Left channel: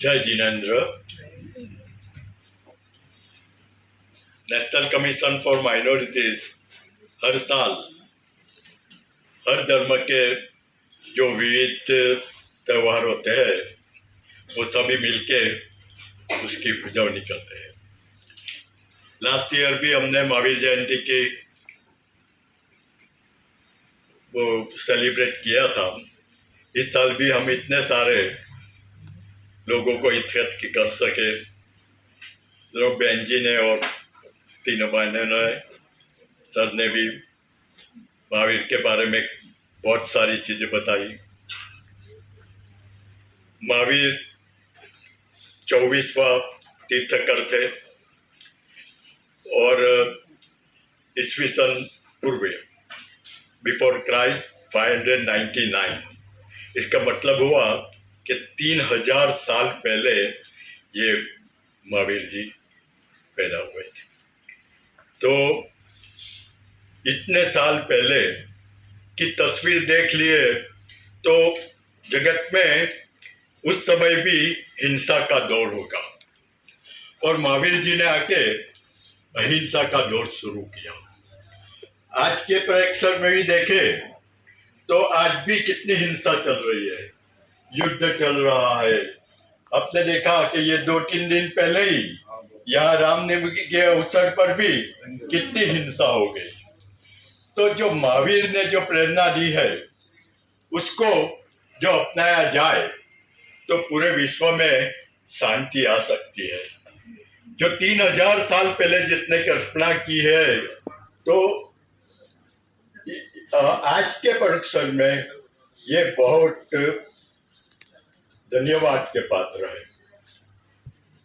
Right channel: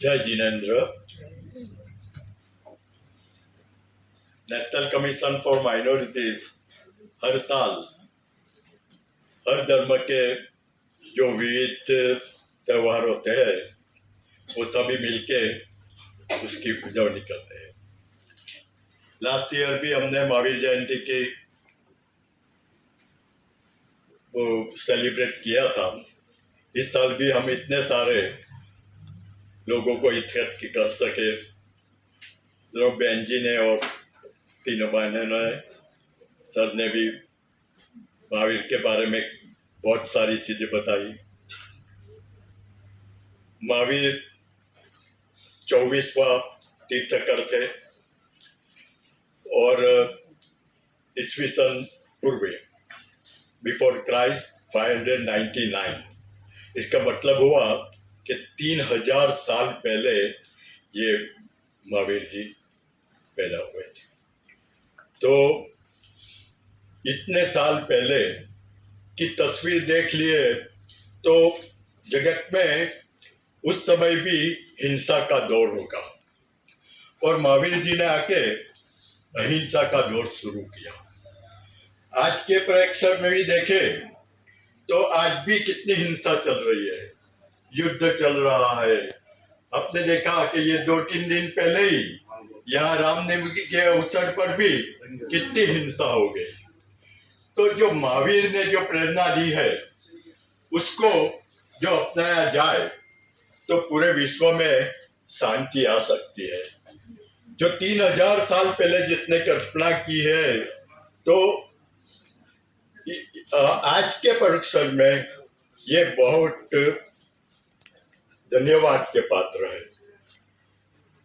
जय Jinendra. National commission for minorities हर साल हर धर्म के जो विविध त्यौहार होते हैं वो सभी मिलके उसकी उजवनी करते हैं। लास्ट ईयर भी हमने महावीर जयंती की वो सेलिब्रेट किया था। इस साल भी हम इतने सारे लोगों को इकट्ठा कर सके। जो बहन जी ने और तीनों बहनों ने, सर ने भी महावीर के बारे में बहुत सारी चीजें बताई। महावीर 24वां तीर्थकर थे और ईस्वी सन पूर्व बिफोर क्राइस्ट 599। इसका मतलब हुआ कि 3000 साल पहले ये महावीर जी पैदा हुए थे। तो इतने साल पहले की तस्वीर देख लिए तो जगत में उस समय भी हिंसा का दौर होगा और महावीर जी ने आके अहिंसा का दौर शुरू किया। आज के प्रेक्षण में भी देखे तो आज भी कितनी हिंसा चल रही है, युद्ध चल रहा है। आपने देखा कि ये 2-3 दिन पहले ही यहाँ रामनवमी के अवसर पर भी कितनी हिंसा हो गई। तो जो महावीर ने जो प्रेरणा दी है उसको जो अपनाया जाए तो पूरे विश्व में शांति आ सकती है। जो 3000 साल पहले जितने कल्पना की है तो आज के परीक्षण में ये बहुत धन्यवाद के पात्र है।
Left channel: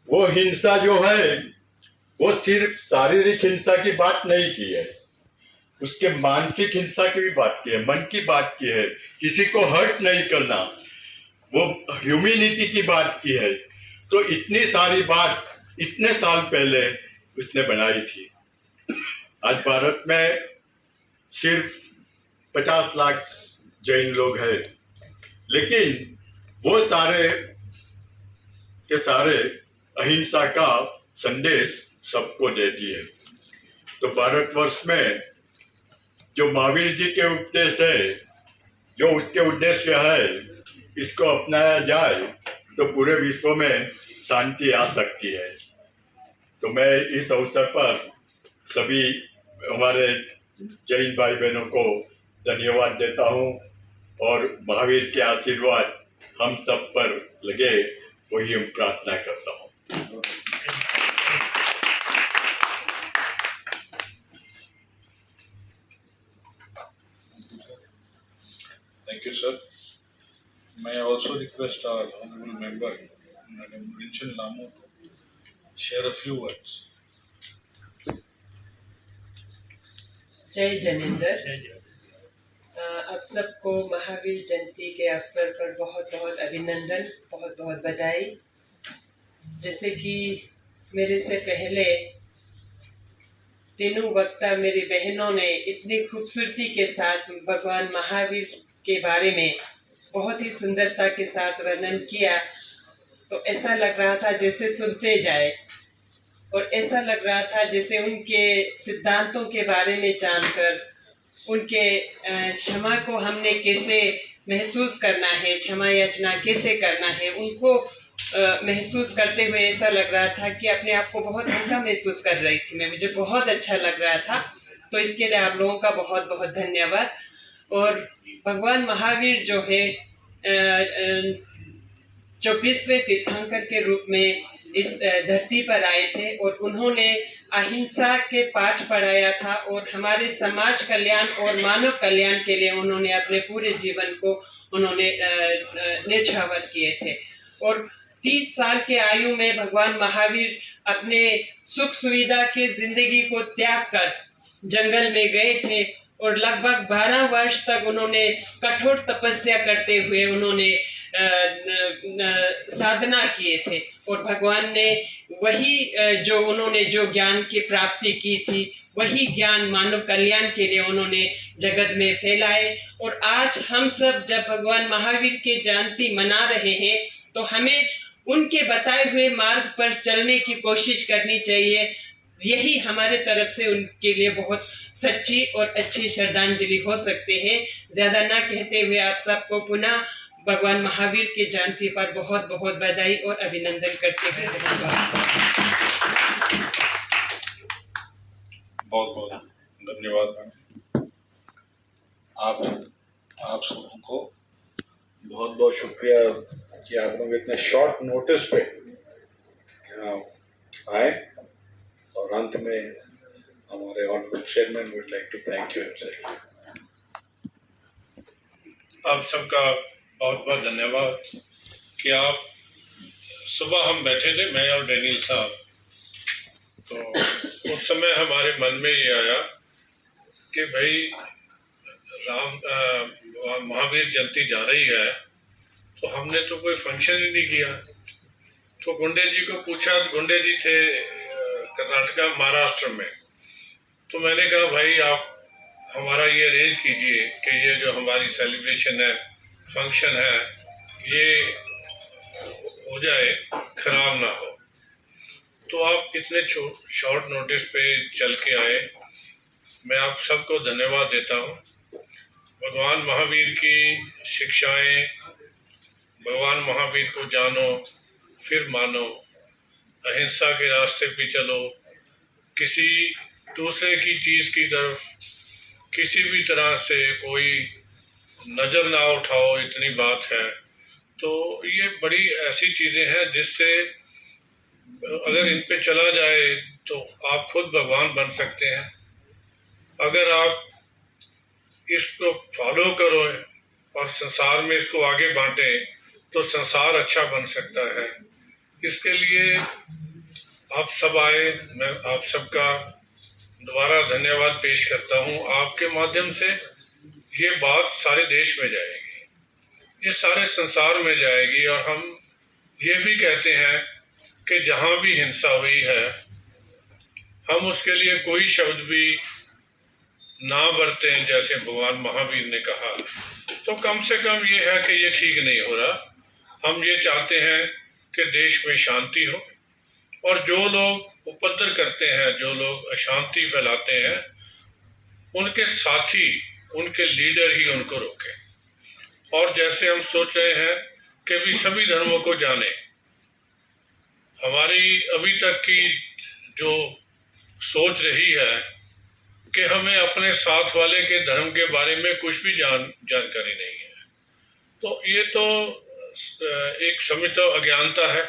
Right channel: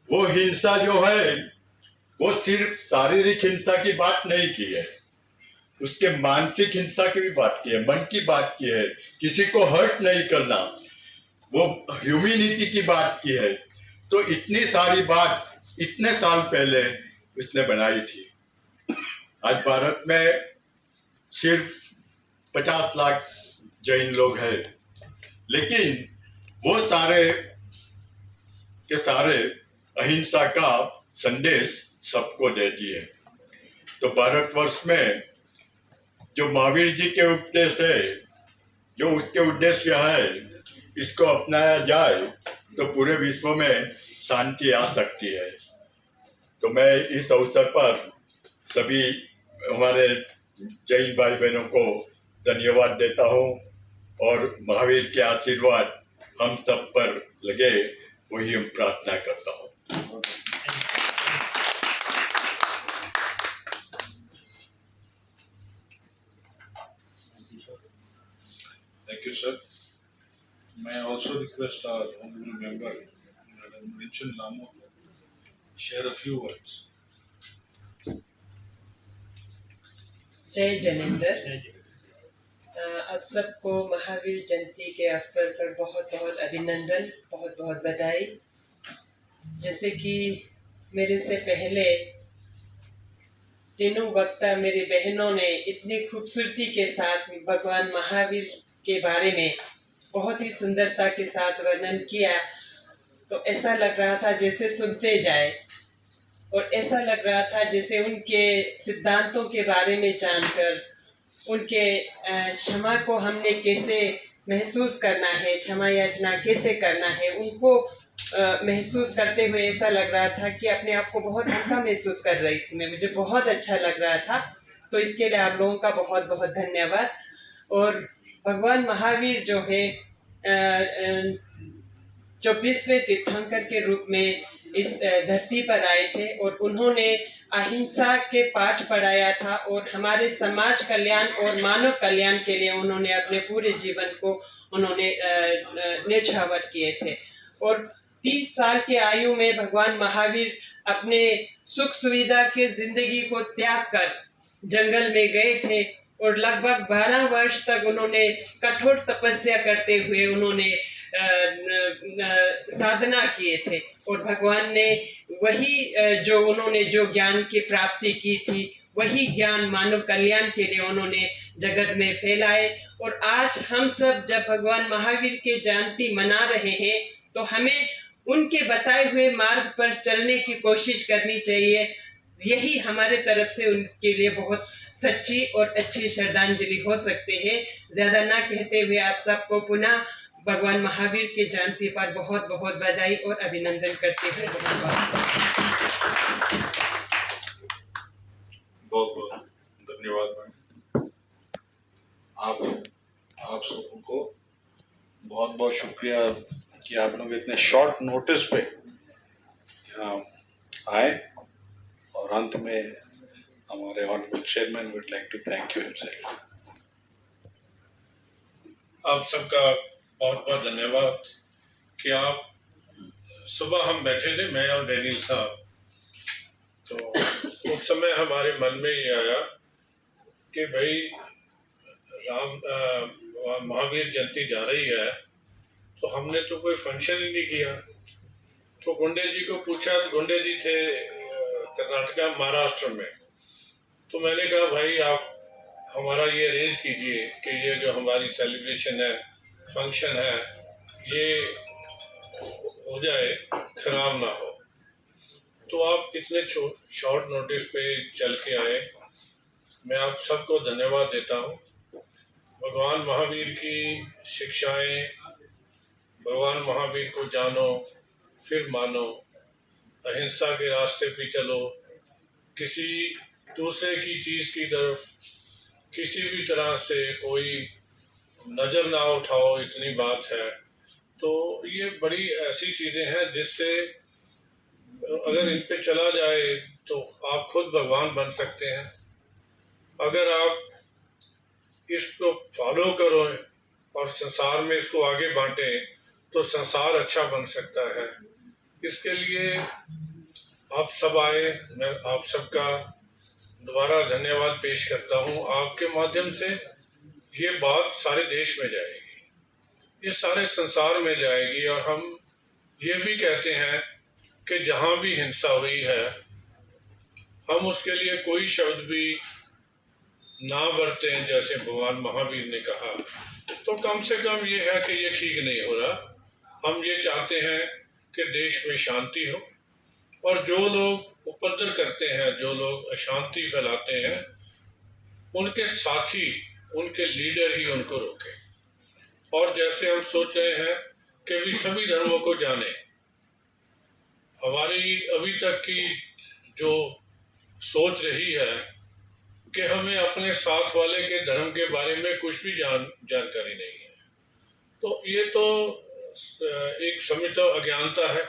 वो हिंसा जो है वो सिर्फ शारीरिक हिंसा की बात नहीं की है, उसके मानसिक हिंसा की भी बात की है, मन की बात की है, किसी को हर्ट नहीं करना, वो ह्यूमैनिटी की बात की है। तो इतनी सारी बात इतने साल पहले उसने बनाई थी। आज भारत में सिर्फ 50 लाख जैन लोग हैं, लेकिन वो सारे के सारे अहिंसा का संदेश सबको देती है। तो भारतवर्ष में जो महावीर जी के उपदेश है, जो उसके उद्देश्य है, इसको अपनाया जाए तो पूरे विश्व में शांति आ सकती है। तो मैं इस अवसर पर सभी हमारे जैन भाई बहनों को धन्यवाद देता हूँ और महावीर के आशीर्वाद हम सब पर लगे वही हम प्रार्थना करता हूँ। Thank you, sir. May I also request our honorable member, Madam Rinchen Lamu, to share a few words. जय जनेंद्र। आप सबको महावीर जयंती के अवसर पर बहुत बहुत अभिनंदन, बहुत बहुत बधाई। जैसे कि मेरे से पहले तीनों वक्ता मेरी बहनों ने इतनी खूबसूरती के साथ भगवान महावीर के बारे में बहुत ही सुंदरता के साथ वर्णन किया, तो ऐसा लग रहा था जैसे सुनते जाए और ऐसा लग रहा था जैसे उनके सिद्धांतों के बारे में जानकर, उनके क्षमा को हमने कैसे महसूस करना है, क्षमा याचना कैसे करना है, उनको महसूस करते हुए ऐसा लग रहा था कि अपने आप को बहुत हल्का महसूस कर रही थी मैं। मुझे बहुत अच्छा लग रहा था। तो इसके लिए आप लोगों का बहुत बहुत धन्यवाद। और भगवान महावीर जो है 24वें तीर्थंकर के रूप में इस धरती पर आए थे और उन्होंने अहिंसा के पाठ पढ़ाया था और हमारे समाज कल्याण और मानव कल्याण के लिए उन्होंने अपने पूरे जीवन को उन्होंने न्यौछावर किए थे। और 30 साल के आयु में भगवान महावीर अपने सुख सुविधा के जिंदगी को त्याग कर जंगल में गए थे और लगभग 12 वर्ष तक उन्होंने कठोर तपस्या करते हुए उन्होंने साधना किए थे और भगवान ने वही जो उन्होंने जो ज्ञान की प्राप्ति की थी वही ज्ञान मानव कल्याण के लिए उन्होंने जगत में फैलाए। और आज हम सब जब भगवान महावीर के जयंती मना रहे हैं तो हमें उनके बताए हुए मार्ग पर चलने की कोशिश करनी चाहिए। यही हमारे तरफ से उनके लिए बहुत सच्ची और अच्छी श्रद्धांजलि हो सकते हैं। ज़्यादा ना कहते हुए आप सबको पुनः भगवान महावीर की जयंती पर बहुत बहुत बधाई और अभिनंदन करते हुए बहुत बहुत धन्यवाद मैम। आप सबों को बहुत बहुत शुक्रिया कि आप लोग इतने शॉर्ट नोटिस पे यहाँ आए, और अंत में हमारे honourable chairman would like to thank you himself. आप सबका बहुत बहुत धन्यवाद कि आप सुबह हम बैठे थे, मैं और डैनियल साहब, तो उस समय हमारे मन में ये आया कि भाई महावीर जयंती जा रही है, तो हमने तो कोई फंक्शन ही नहीं किया। तो गुंडे जी को पूछा, गुंडे जी थे कर्नाटका महाराष्ट्र में, तो मैंने कहा भाई आप हमारा ये अरेंज कीजिए कि ये जो हमारी सेलिब्रेशन है, फंक्शन है, ये हो जाए, खराब ना हो। तो आप इतने शॉर्ट नोटिस पे चल के आए, मैं आप सबको धन्यवाद देता हूँ। भगवान महावीर की शिक्षाएं, भगवान महावीर को जानो फिर मानो, अहिंसा के रास्ते पे चलो, किसी दूसरे की चीज़ की तरफ किसी भी तरह से कोई नज़र ना उठाओ, इतनी बात है। तो ये बड़ी ऐसी चीज़ें हैं जिससे अगर इन पे चला जाए तो आप खुद भगवान बन सकते हैं। अगर आप इसको फॉलो करो और संसार में इसको आगे बांटें तो संसार अच्छा बन सकता है। इसके लिए आप सब आए, मैं आप सबका दोबारा धन्यवाद पेश करता हूँ। आपके माध्यम से ये बात सारे देश में जाएगी, ये सारे संसार में जाएगी, और हम ये भी कहते हैं कि जहाँ भी हिंसा हुई है हम उसके लिए कोई शब्द भी ना बरतें, जैसे भगवान महावीर ने कहा। तो कम से कम ये है कि ये ठीक नहीं हो रहा। हम ये चाहते हैं कि देश में शांति हो, और जो लोग उपद्रव करते हैं, जो लोग अशांति फैलाते हैं, उनके साथी, उनके लीडर ही उनको रोकें। और जैसे हम सोच रहे हैं कि भी सभी धर्मों को जाने, हमारी अभी तक की जो सोच रही है कि हमें अपने साथ वाले के धर्म के बारे में कुछ भी जानकारी नहीं है, तो ये तो एक समित अज्ञानता है।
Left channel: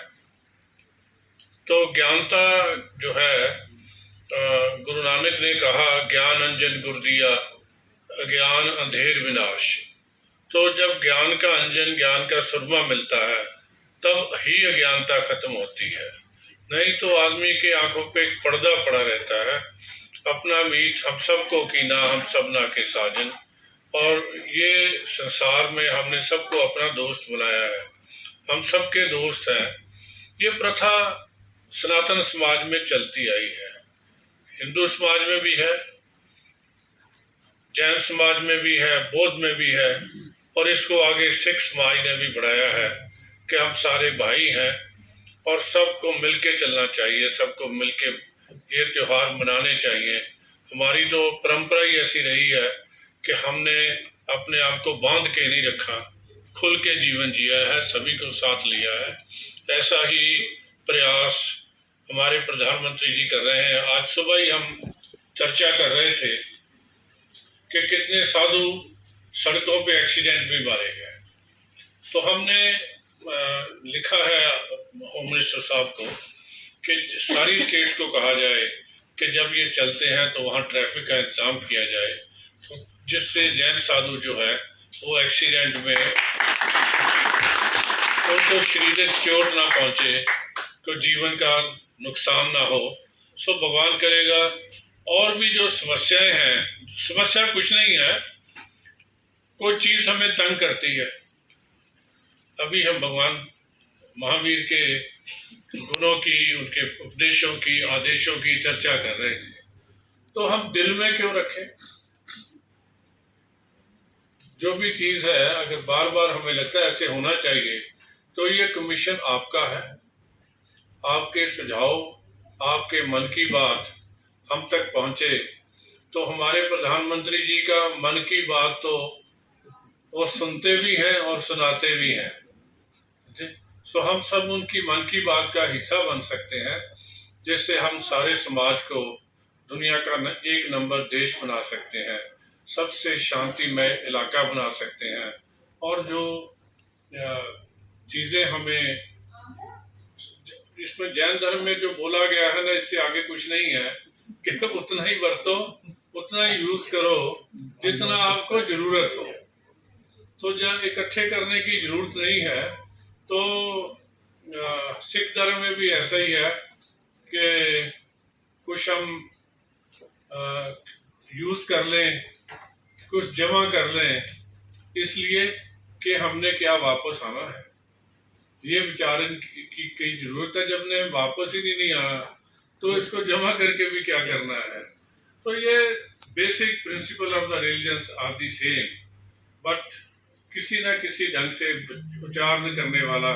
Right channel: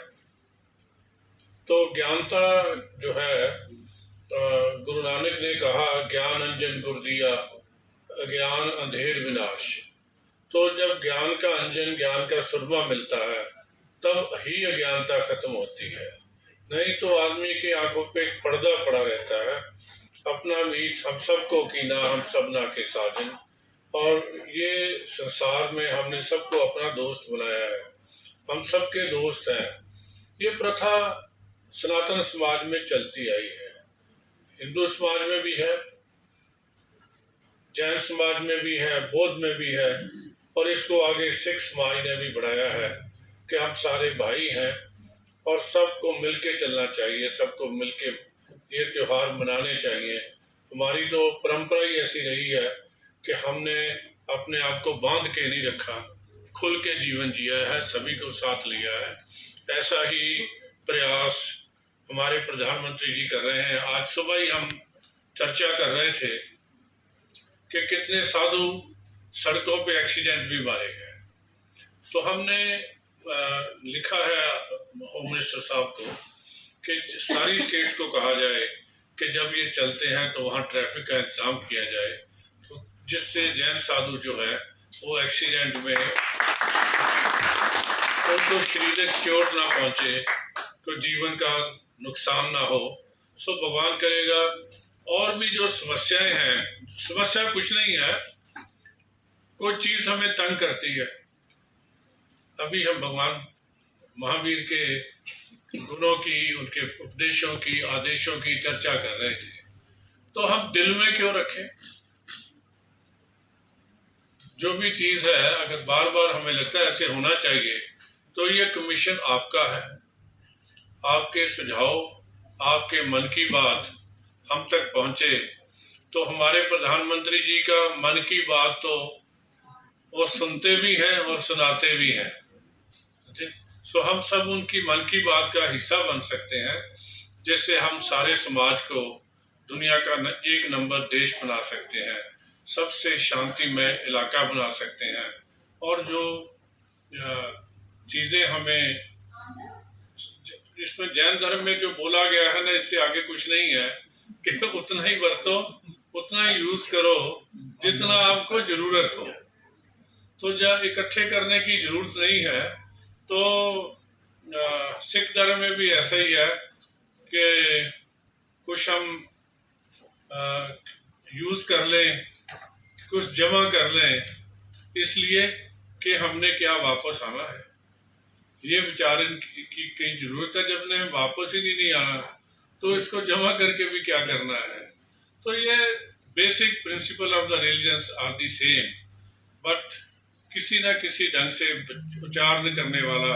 तो ज्ञानता जो है, गुरु नानक ने कहा ज्ञान अंजन गुर दिया, अज्ञान अंधेर विनाश। तो जब ज्ञान का अंजन, ज्ञान का सुरमा मिलता है, तब ही अज्ञानता खत्म होती है। नहीं तो आदमी के आंखों पे एक पर्दा पड़ा रहता है, अपना मीत हम सबको कीना, हम सब ना के साजन। और ये संसार में हमने सबको अपना दोस्त बनाया है, हम सबके दोस्त हैं। ये प्रथा सनातन समाज में चलती आई है, हिंदू समाज में भी है, जैन समाज में भी है, बौद्ध में भी है, और इसको आगे सिख समाज ने भी बढ़ाया है कि हम सारे भाई हैं और सबको मिलके चलना चाहिए, सबको मिलके ये त्यौहार मनाने चाहिए। हमारी तो परंपरा ही ऐसी रही है कि हमने अपने आप को बांध के नहीं रखा, खुल के जीवन जिया है, सभी को साथ लिया है। ऐसा ही प्रयास हमारे प्रधानमंत्री जी कर रहे हैं। आज सुबह ही हम चर्चा कर रहे थे कि कितने साधु सड़कों पे एक्सीडेंट भी मारे गए। तो हमने लिखा है होम मिनिस्टर साहब को कि सारी स्टेट्स को कहा जाए कि जब ये चलते हैं तो वहाँ ट्रैफिक का इंतज़ाम किया जाए, तो जिससे जैन साधु जो है वो एक्सीडेंट में उनको शारीरिक चोट ना पहुँचे, तो जीवन का नुकसान ना हो। सो भगवान करेगा। और भी जो समस्याएं हैं, समस्या कुछ नहीं है, कोई चीज़ हमें तंग करती है। अभी हम भगवान महावीर के गुणों की, उनके उपदेशों की, आदेशों की चर्चा कर रहे थे, तो हम दिल में क्यों रखें? जो भी चीज़ है, अगर बार बार हमें लगता है ऐसे होना चाहिए, तो ये कमीशन आपका है। आपके सुझाव, आपके मन की बात हम तक पहुंचे तो हमारे प्रधानमंत्री जी का मन की बात तो वो सुनते भी हैं और सुनाते भी हैं। सो हम सब उनकी मन की बात का हिस्सा बन सकते हैं, जिससे हम सारे समाज को दुनिया का एक नंबर देश बना सकते हैं, सबसे शांतिमय इलाका बना सकते हैं। और जो चीज़ें हमें इसमें जैन धर्म में जो बोला गया है ना, इससे आगे कुछ नहीं है कि उतना ही बरतो, उतना ही यूज करो जितना आपको जरूरत हो। तो जब इकट्ठे करने की जरूरत नहीं है। तो सिख धर्म में भी ऐसा ही है कि कुछ हम यूज कर लें, कुछ जमा कर लें, इसलिए कि हमने क्या वापस आना है। ये विचारन की जरूरत है। जब ने वापस ही नहीं आना तो इसको जमा करके भी क्या करना है। तो ये basic principle of the religions are the same, but किसी न किसी ढंग से उच्चारण करने वाला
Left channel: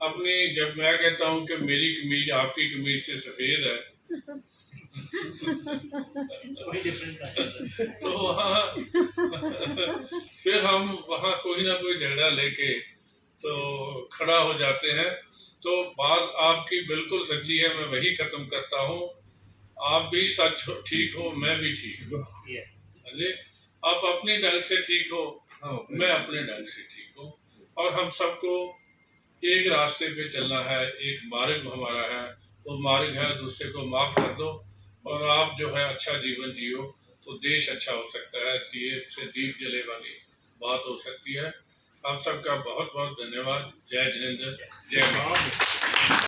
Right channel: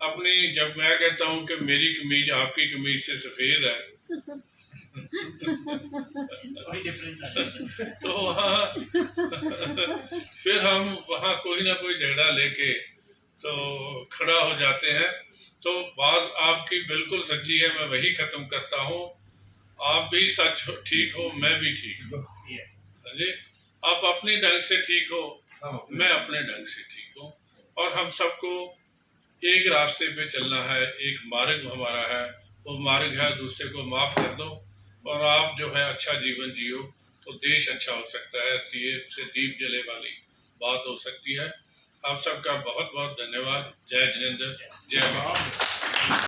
अपनी, जब मैं कहता हूँ कि मेरी कमीज आपकी कमीज से सफेद है तो वहाँ फिर हम वहाँ कोई ना कोई झगड़ा लेके तो खड़ा हो जाते हैं। तो बात आपकी बिल्कुल सच्ची है, मैं वही खत्म करता हूँ। आप भी सच हो, ठीक हो, मैं भी ठीक हूँ जी। आप अपने ढंग से ठीक हो, मैं अपने ढंग से ठीक हूँ, और हम सबको एक रास्ते पे चलना है। एक मार्ग हमारा है, वो मार्ग है दूसरे को माफ कर दो और आप जो है अच्छा जीवन जियो, तो देश अच्छा हो सकता है। दिए से दीप जले वाली बात हो सकती है। आप सबका बहुत बहुत धन्यवाद। जय जिनेंद्र, जय मां।